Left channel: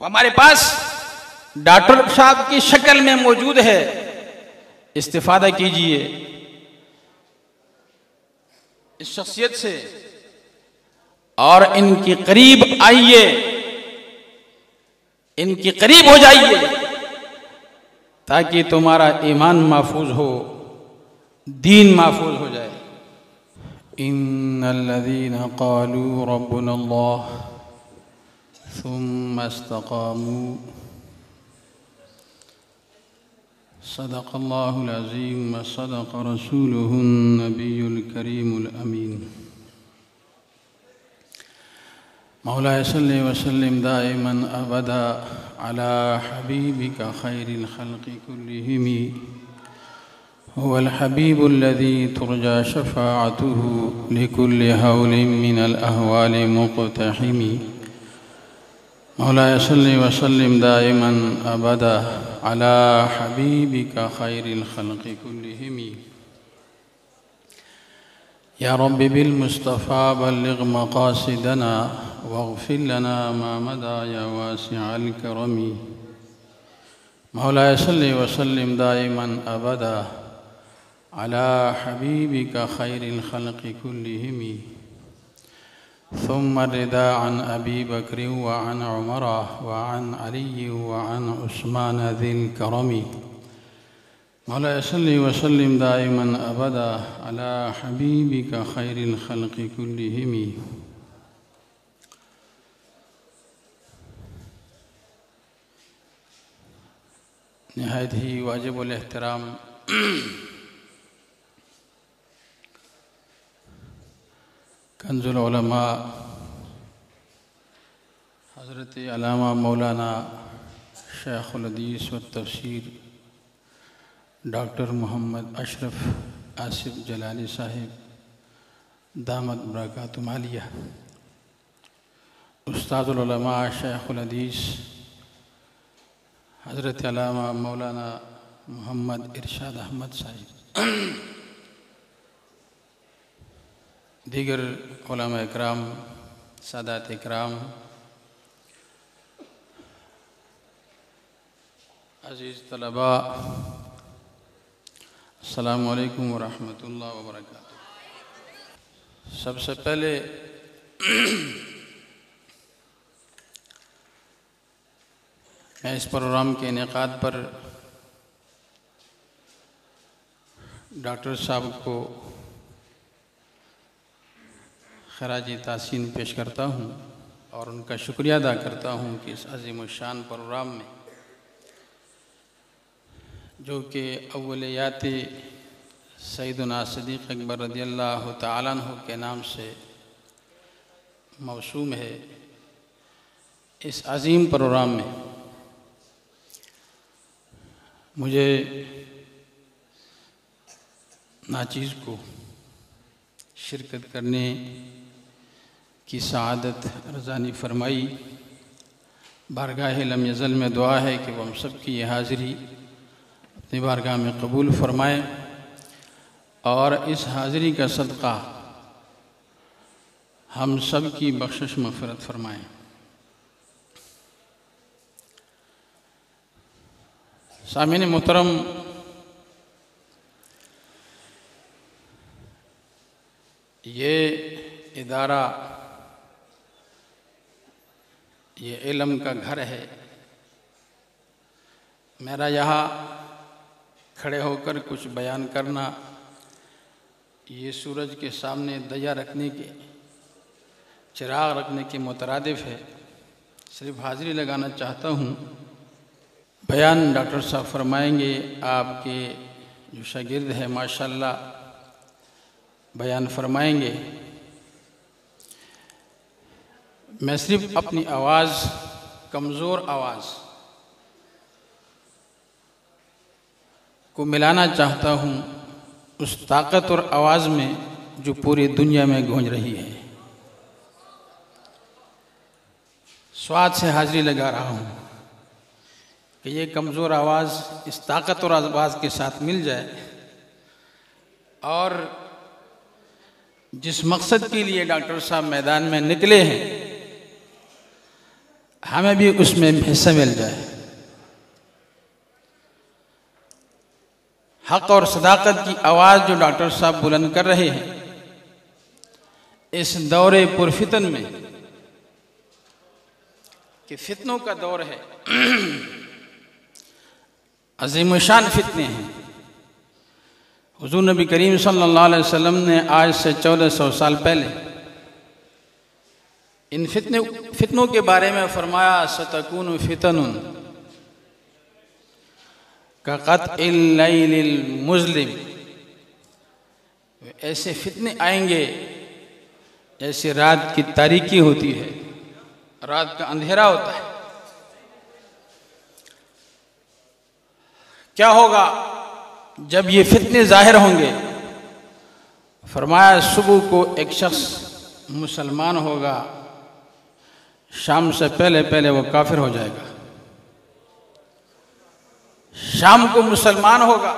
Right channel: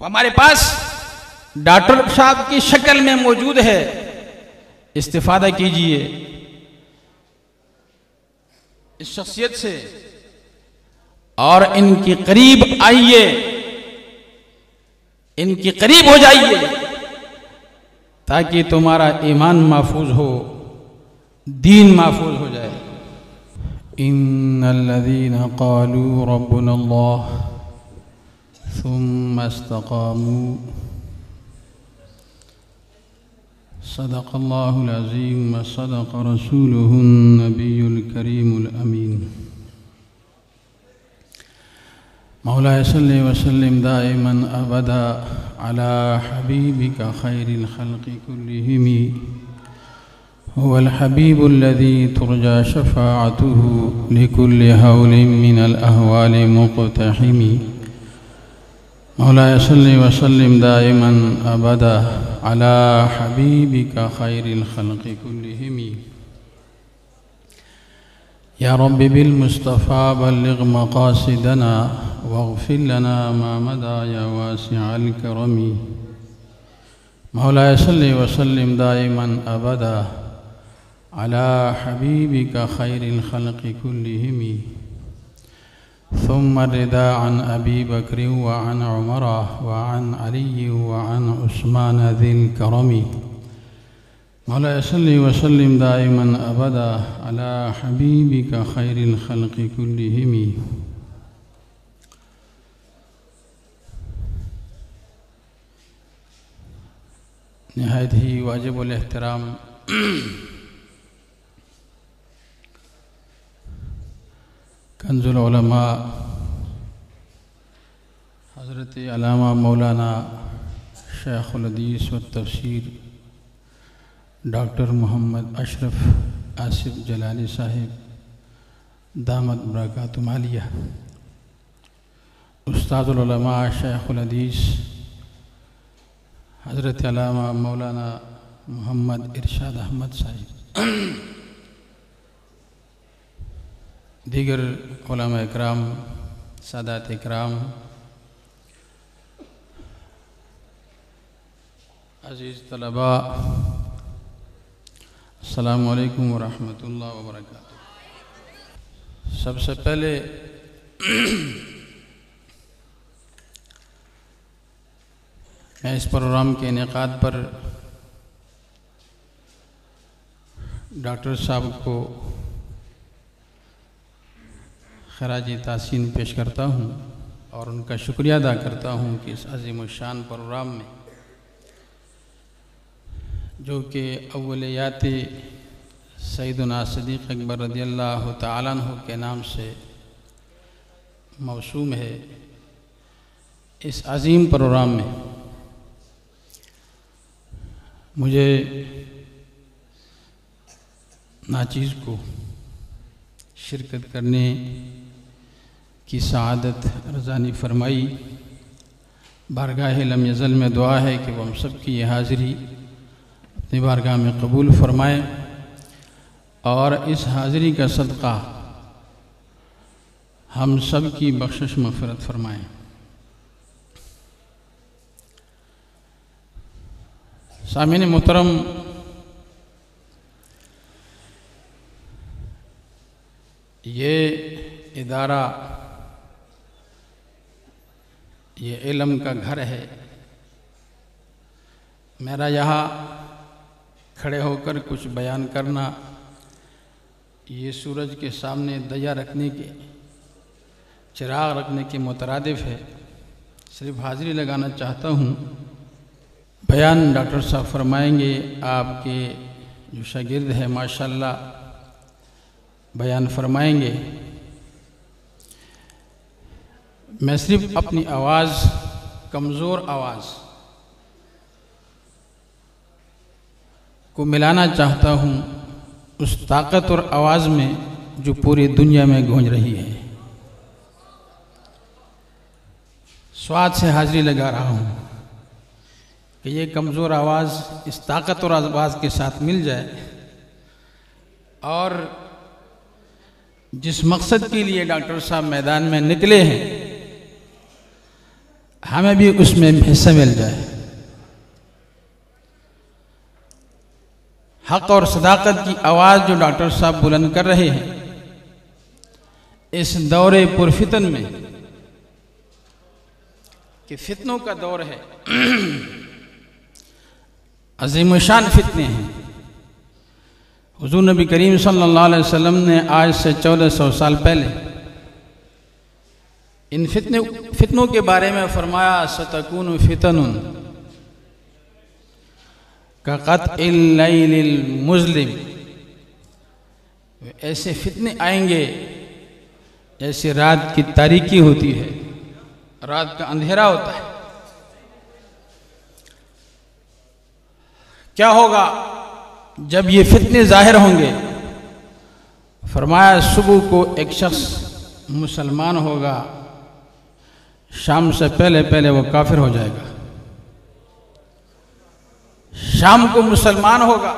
हमारे पास डॉक्टर साहब की शक्ल में मौजूद है, इस्तिफादा कीजिए इस शख्सियत से और इनके करीब आइए, इनके करीब हो जाइए ताकि तुम्हारा ईमान महफूज हो, दीन महफूज हो जाए। इन्नल्लज़ीना क़ालू रब्बुनल्लाह सुम्मा इस्तक़ामू सदक़ल्लाहुल अज़ीम व सदक़ रसूलुहुन नबियुल करीमुल अमीन। मौला सल्लि व सल्लिम दाइमन अबदा अला हबीबिका खैरिल खल्क़ि कुल्लिहिम हुवल हबीबुल्लज़ी तुरजा शफ़ाअतुहु लिकुल्लि हौलिन मिनल अहवालि मुक़तहिम। मौला सल्लि व सल्लिम दाइमन अबदा अला हबीबिका खैरिल खल्क़ि कुल्लिहिम। या रब्बि बिल मुस्तफ़ा बल्लिग़ मक़ासिदना वग़फ़िर लना मा मदा या वासिअल करमी। मौला सल्लि व सल्लिम दाइमन अबदा अला हबीबिका खैरिल खल्क़ि कुल्लिहिम। सुम्मा रिदा अन अबी बकर व अन उमर व अन अली व अन उस्मान ज़िल करमी। मौला सल्लि व सल्लिम दाइमन अबदा अला हबीबिका खैरिल खल्क़ि कुल्लिहिम। निहायत ही वाजिबुल एहतराम कंजुल उलमा हज़रत अल्लामा मौलाना शेखुल हदीस व तफसीर डॉक्टर मोहम्मद अशरफ आसिफ जलाली साहिब दामत बरकातुहु आलिया, उस्तादुल उलमा शेखुल हदीस हज़रत अल्लामा मौलाना मोहम्मद इरशाद अहमद साहिब, दीगर उलमा इकराम, सादात इकराम, अज़ीज़ तलबा, अस्सलामु अलैकुम व रहमतुल्लाहि व बरकातुहू। सबसे पहले मैं इस प्रोग्राम के इनेकाद पर डॉक्टर साहब को खराजी तासीन पेश करता हूँ और उनका शुक्रिया अदा करता हूँ कि इस अज़ीम शान प्रोग्राम में जो कि अव्वलियात सैयदना सिद्दीक़ अकबर रज़ियल्लाहु तआला अन्हु के नाम से मौसूम है, इस अज़ीम प्रोग्राम में मुझे नाचीज़ को शिरकत करने की सआदत रज़ानी फरमाई। बारगाह लम यज़ल में दुआ है कि वह हम सब की ये हाज़िरी अपनी बारगाह में कबूल फरमाए और इस हाज़िरी का सदक़ा हम सब की बख्शिश मग़फ़िरत फरमाएँ। सामीन मोहतरम, ये इदारा, ये इल्म का घर है। मेरा यहाँ खड़े होकर कुछ बयान करना ये सूरज के सामने दया रखने के, चिराग रखने के मुतरादिफ है। सिर्फ हाज़िरी लगाना चाहता हूँ। बयान डॉक्टर साहब फरमाएंगे, आपके जो शागिर्द है माशाल्लाह बयान फरमाएंगे। मैं सिर्फ अपनी आवाज़, कमज़ोर आवाज़ को मिलाना चाहता हूँ उस ताकतवर आवाज़ में जो पूरी दुनिया में गूंज रही है। स्वाद से हाज़िरी लगा रहा हूँ कि ये कमज़ोर आवाज़ इस ताकतवर आवाज़ के साथ मिल जाए और जिस मकसद के लिए डॉक्टर साहब मैदान में निकले हैं हमें भी उसमें हिस्सा मिल जाए। हक और सदाकत की आवाज़ जो डॉक्टर साहब बुलंद कर रहे हैं इस दौरे पुरफितन में, कि फितनों का दौर है, अज़ीमुशान फितने हैं। हुज़ूर नबी करीम सल्लल्लाहु अलैहि वसल्लम ने आज से 1400 साल पहले इन फितनों के बारे में फरमाया, सतकूनु फितनुन का क़त्इल लैलिल मुज़लिम, ऐसे फितने आएंगे जैसे रात की तारीकी होती है, रात का अंधेरा होता है। क्या होगा जब ये फितने जाहिर होंगे? फरमाया, सुबह को एक शख्स मुसलमान होगा, शाम से पहले पहले वो काफिर हो जाएगा। शाम को मुसलमान होगा,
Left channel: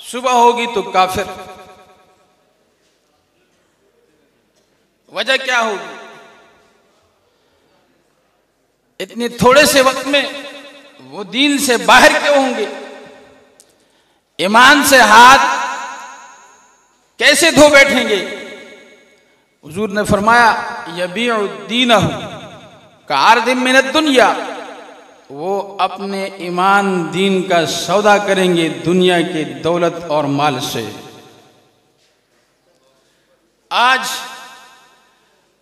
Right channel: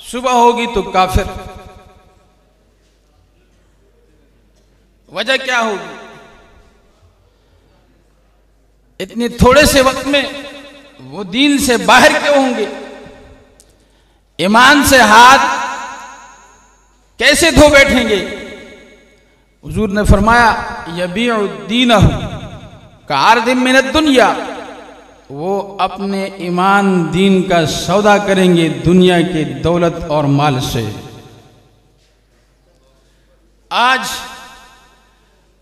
सुबह होगी तो काफिर। वजह क्या होगी? इतने थोड़े से वक्त में वो दीन से बाहर क्यों होंगे? ईमान से हाथ कैसे धो बैठेंगे? हुजूर ने फरमाया, यबीउ दीनहु कअर्दिम मिनद दुनिया, वो अपने ईमान दीन का सौदा करेंगे दुनिया की दौलत और माल से। आज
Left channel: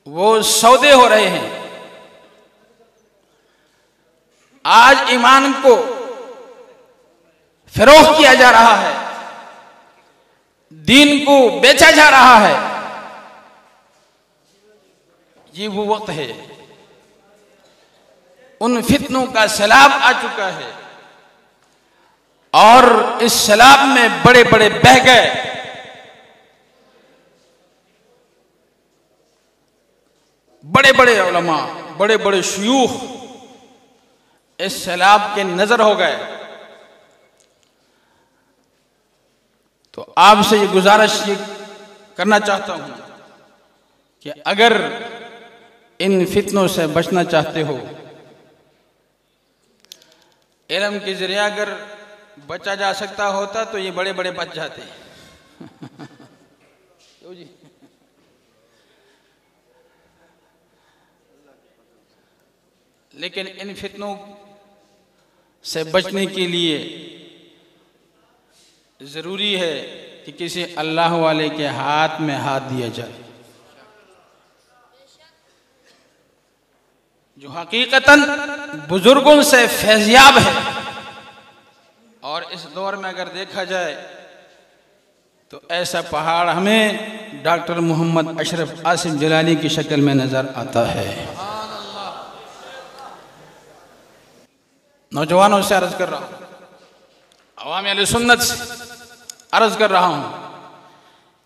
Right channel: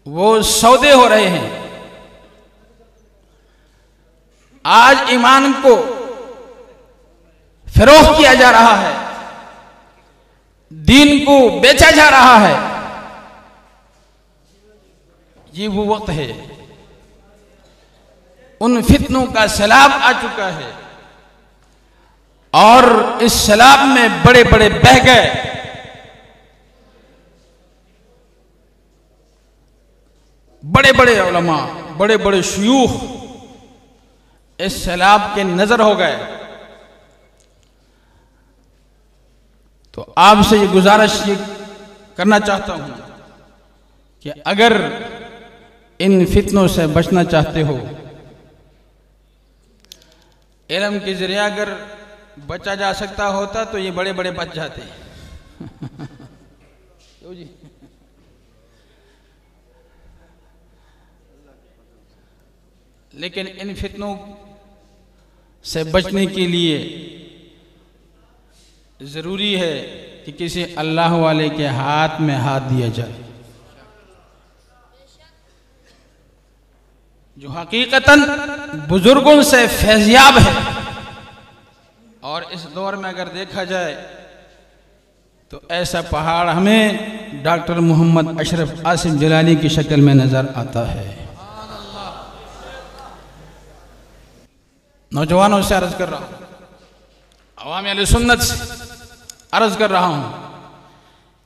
वो सौदे हो रहे हैं। आज ईमान को फरोख्त किया जा रहा है, दीन को बेचा जा रहा है। ये वो वक्त है, उन फितनों का सैलाब आ चुका है और इस सैलाब में बड़े बड़े बह गए। बड़े बड़े उलमा, बड़े बड़े शयूख इस सैलाब के नजर हो गए। तो आपसे ये गुजारिश ये करना चाहता हूं कि अगर इन फितनों से बचना चाहते हो, इल्म के जरिए अगर बचा जा सकता होता तो ये बड़े बड़े बच जाते। जी लेकिन इन फितनों से बचने के लिए जरूरी है कि किसी अल्लाह वाले के हाथ में हाथ दिया जाए, जो हकीकतन बुजुर्गों से फैज़याब है। और इस दौर में अगर देखा जाए तो ऐसा पहाड़ हमें डॉक्टर मोहम्मद अशरफ आसिफ जलाली की शक्ल में नजर आता है। नौजवानों से अर्ज कर रहा हूं, अवाम अहले सुन्नत से अर्ज कर रहा हूं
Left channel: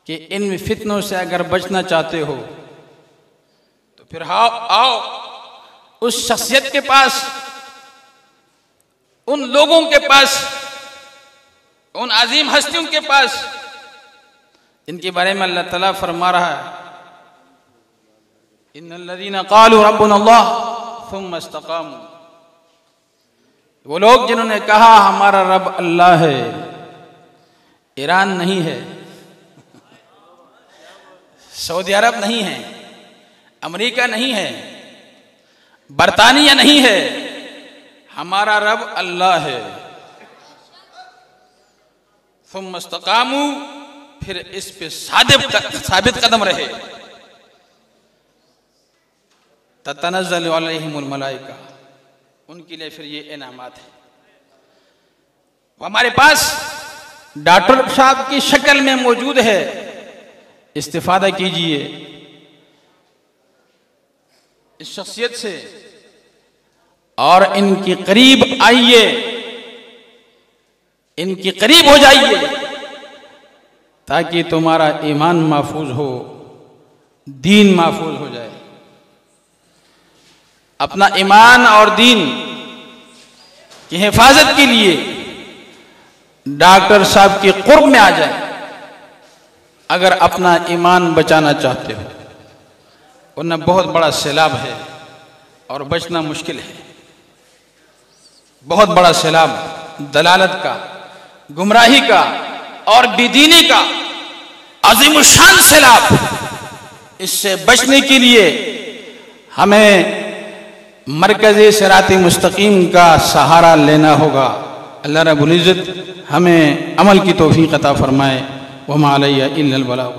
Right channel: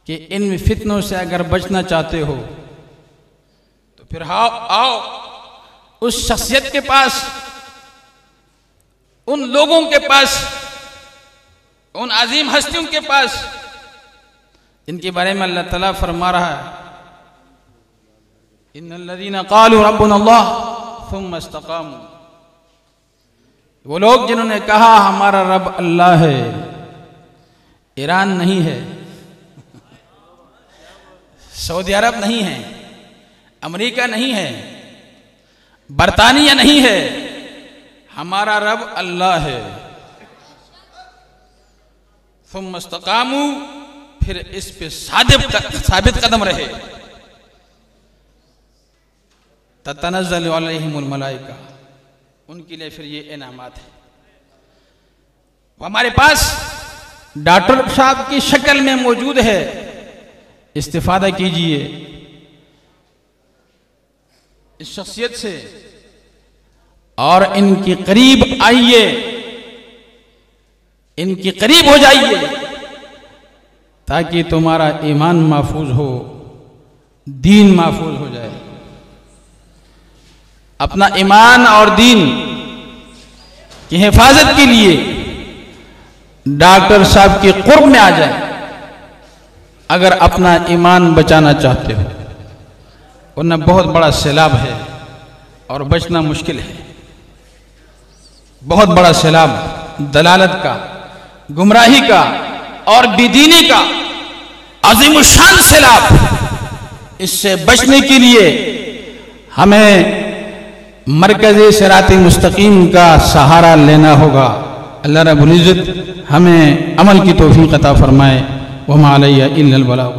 कि इन फितनों से अगर बचना चाहते हो तो फिर आओ उस शख्सियत के पास, उन लोगों के पास, उन अजीम हस्तियों के पास जिनके बारे में अल्लाह ताला फरमा रहा है, इन्नल्लज़ीना क़ालू रब्बुनल्लाह सुम्मा इस्तक़ामू, वो लोग जिन्होंने कहा हमारा रब अल्लाह है। ईरान नहीं है, सऊदी अरब नहीं है, अमेरिका नहीं है, बरतानिया नहीं है, हमारा रब अल्लाह है। सुम्मा इस्तक़ामू, फिर इस पे साबित कदम रहे। ततनज़्ज़लु अलैहिमुल मलाइका, उनके लिए फिर ये इनामात है। हमारे पास डॉक्टर साहब की शक्ल में मौजूद है, इस्तिफादा कीजिए इस शख्सियत से और इनके करीब आइए, इनके करीब हो जाइए ताकि तुम्हारा ईमान महफूज हो, दीन महफूज हो जाए। अपना ईमान और दीन की हिफाजत के लिए डॉक्टर साहब के कुर्ब में आ जाए अगर अपना ईमान बचाना चाहते हो, वरना बहुत बड़ा सैलाब है, और बचना मुश्किल है। बहुत बड़ा सैलाब दलालत का, गुमराही का और बेदीनी का अजीमुशान सैलाब, इससे बचने के लिए हमें मरकज़ सिराते मुस्तकीम का सहारा लेना होगा। अल्लाह रब्बुल इज़्ज़त हमें अमल की तौफीक अता फरमाए। वमा अलैया इल्लल बलाग।